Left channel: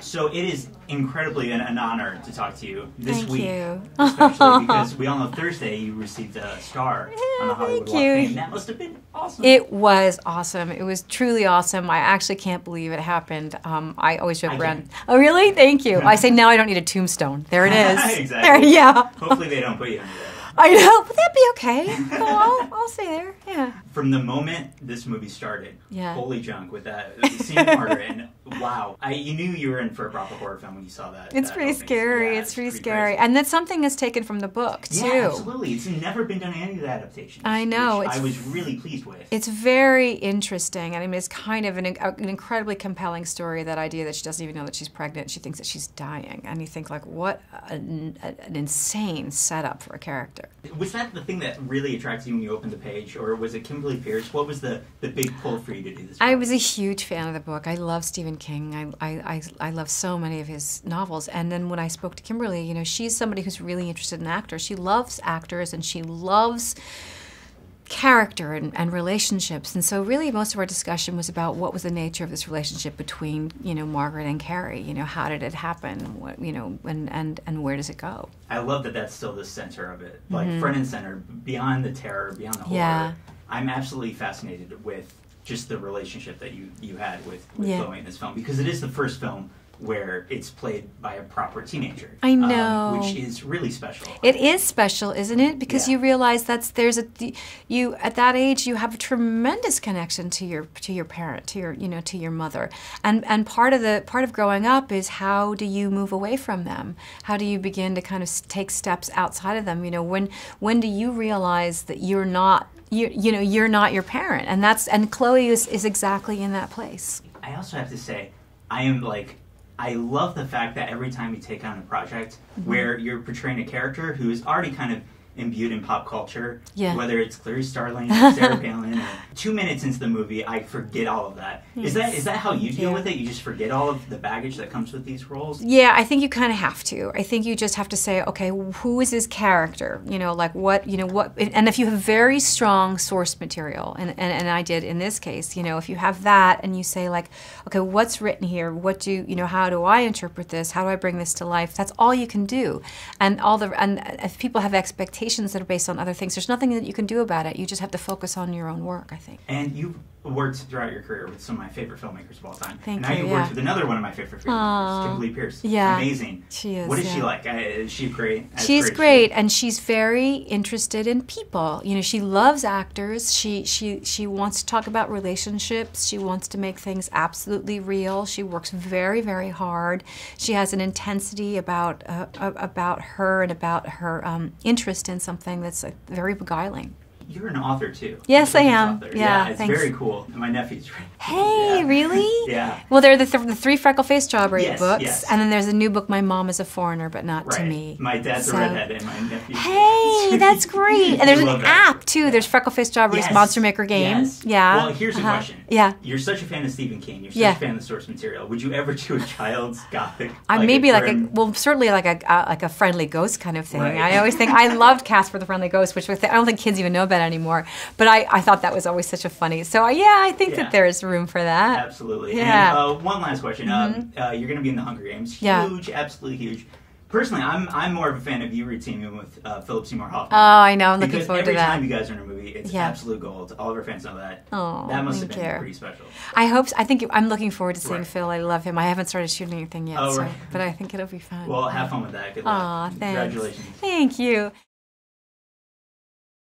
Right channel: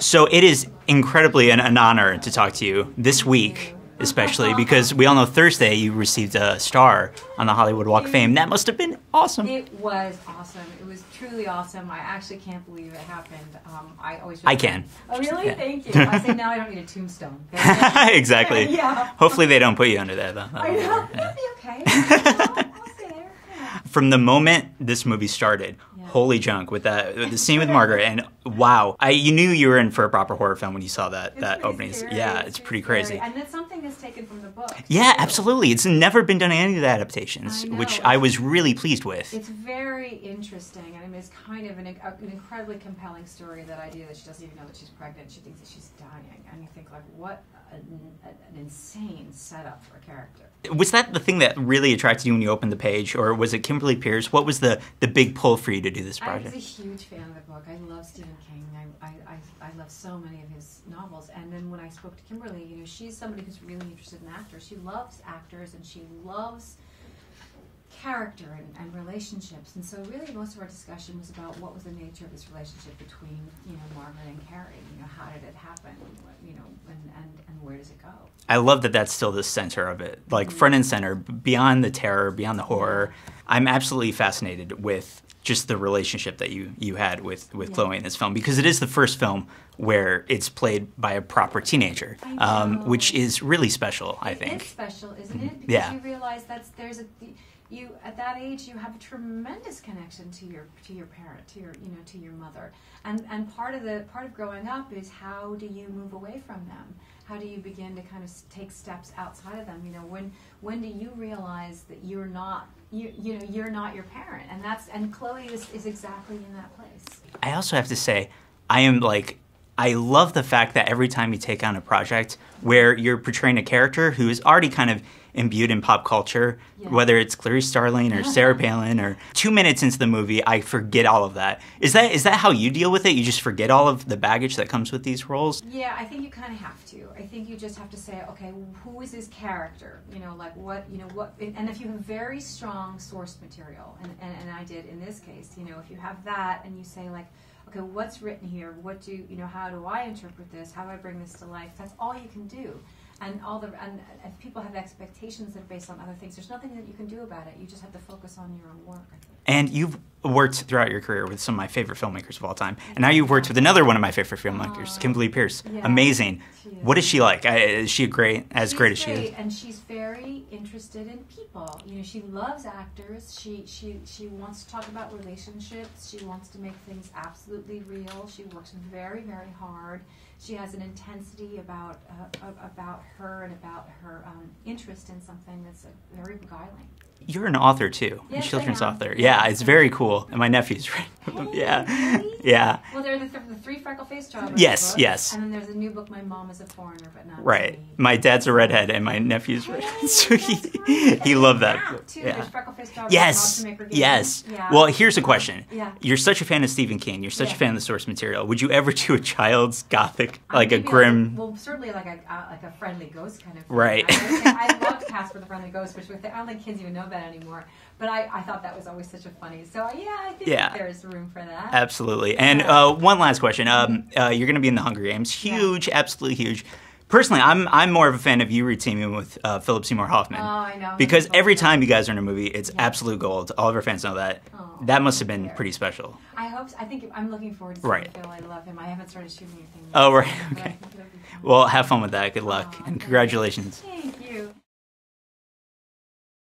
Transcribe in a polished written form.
So it is incredibly an honor to talk to you this Thank week, you. especially because we all know Thursday you received a star on the Hollywood Walk of Fame. That must have been awesome. It was awesome. It was truly awesome. I actually can't believe it happened. I always joke I around. can. Oh, really? Yeah. Thank you. I say now I don't need a tombstone. There it is. Exactly. Yeah. Hopefully they don't put you under there, though. I know. But that'd be okay. I'll stay there. Yeah. From the moment this movie started, Yeah. holy junk with the scene with Margaret, and wow, you knew you were in for a proper horror film when you saw that. It's that pretty opening. scary. Yeah, it's pretty crazy. scary. And that's something that's taken from the book, Yeah, too. absolutely. It's never been done in any of the adaptations. I know. Which I was really pleased with. It's very interesting. I mean, it's kind of an incredibly compelling story, that idea that she doesn't even know that she's pregnant. She thinks that she's dying. And you think, like, what an insane setup for a character. Was that the thing that really attracted you when you opened the page, or was it Kimberly Peirce? What was the big pull for you to do this project? I was a huge fan of the book. I love Stephen King. I love so many of his novels. And then when I spoke to Kimberly, you know, she's somebody who's really interested in actors. She loves actors and she loves character and relationships. And so really most of our discussion was about what was the nature of this relationship between, you know, Margaret and Carrie. You know, how did it happen? What, you know, and where does it go? I love that that's still the center of it. Like front and center, beyond the terror, beyond the horror. Yeah. I'm absolutely fascinated with just the relationship that you had with Chloë in this film, because it is the first film where it's played by a proper teenager. I know. Which is really special. It is special, isn't it? Because you realize at that age you have a tremendous connection to your parent, to your mother. And part of growing up is, how do you move away from them? How do you begin to kind of take steps outside of them? You know, when do you realize that you're not you're not your parent? And Chloë is exactly in that place. I also have to say, I love the fact that every time you take on a project where you're portraying a character who is already kind of imbued in pop culture, whether it's Clarice Starling or Sarah Palin, or 2 minutes into the movie, I forget all of that. Is that how you deal with it? You just forget all of the baggage that comes with these roles? Yeah, I think you kind of have to. I think you just have to say, okay, who is this character? You know, like what, and if you have very strong source material, and I did in this case, you know, if you have that and you say, like, okay, what's written here? How do I interpret this? How do I bring this to life? That's all you can do. And if people have expectations that are based on other things, there's nothing that you can do about it. You just have to focus on your own work, I think. And you've worked throughout your career with some of my favorite filmmakers of all time. Thank and now you, you've worked with another one of my favorite filmmakers, Kimberly Peirce. Yeah. Amazing. She is. What is she like? Is she great? She's great, and she's very interested in people. You know, she loves actors. She wants to talk about relationships. She wants to make things absolutely real. She works very, very hard. She has an intensity about her and about her interest in something that's very beguiling. You're an author too. Yes, I am. Author. Yeah, it's thanks. very cool. And my nephew's right. Hey, really? Yeah. Well, they're the three freckle-faced strawberry books. Yes. And then there's a new book, My Mom is a Foreigner, but not to me. My dad's a redhead, and my nephew's. Hey, that's great. And there's an app too. Yeah. There's freckle-faced strawberries, Monster Maker Game. Yes. Yeah. Well, here's a question. Yeah. You're such a fan of Stephen King. You're such a fan of the source material. Would you ever do a child's gothic, maybe a grim? certainly like a friendly ghost kind of thing. Right. I always think I loved Casper the Friendly Ghost, which I don't think kids even know about anymore. But I thought that was always such a funny. So I think that there's room for that. Absolutely. Yeah. And one last question. You're going to be in the Hunger Games. Huge, absolutely huge. Personally, I'm more of a fan of you reteaming with Philip Seymour Hoffman. Oh, I know. Because every time you guys are in a movie, it's absolute gold. All of our fans know that. Oh, that must have been pretty special. I think I'm looking forward to seeing Phil. I love him. I haven't started shooting anything yet. Oh, right. But I think it'll be fun. Well, have fun with that. Good luck. Aw, and congratulations. Thank you.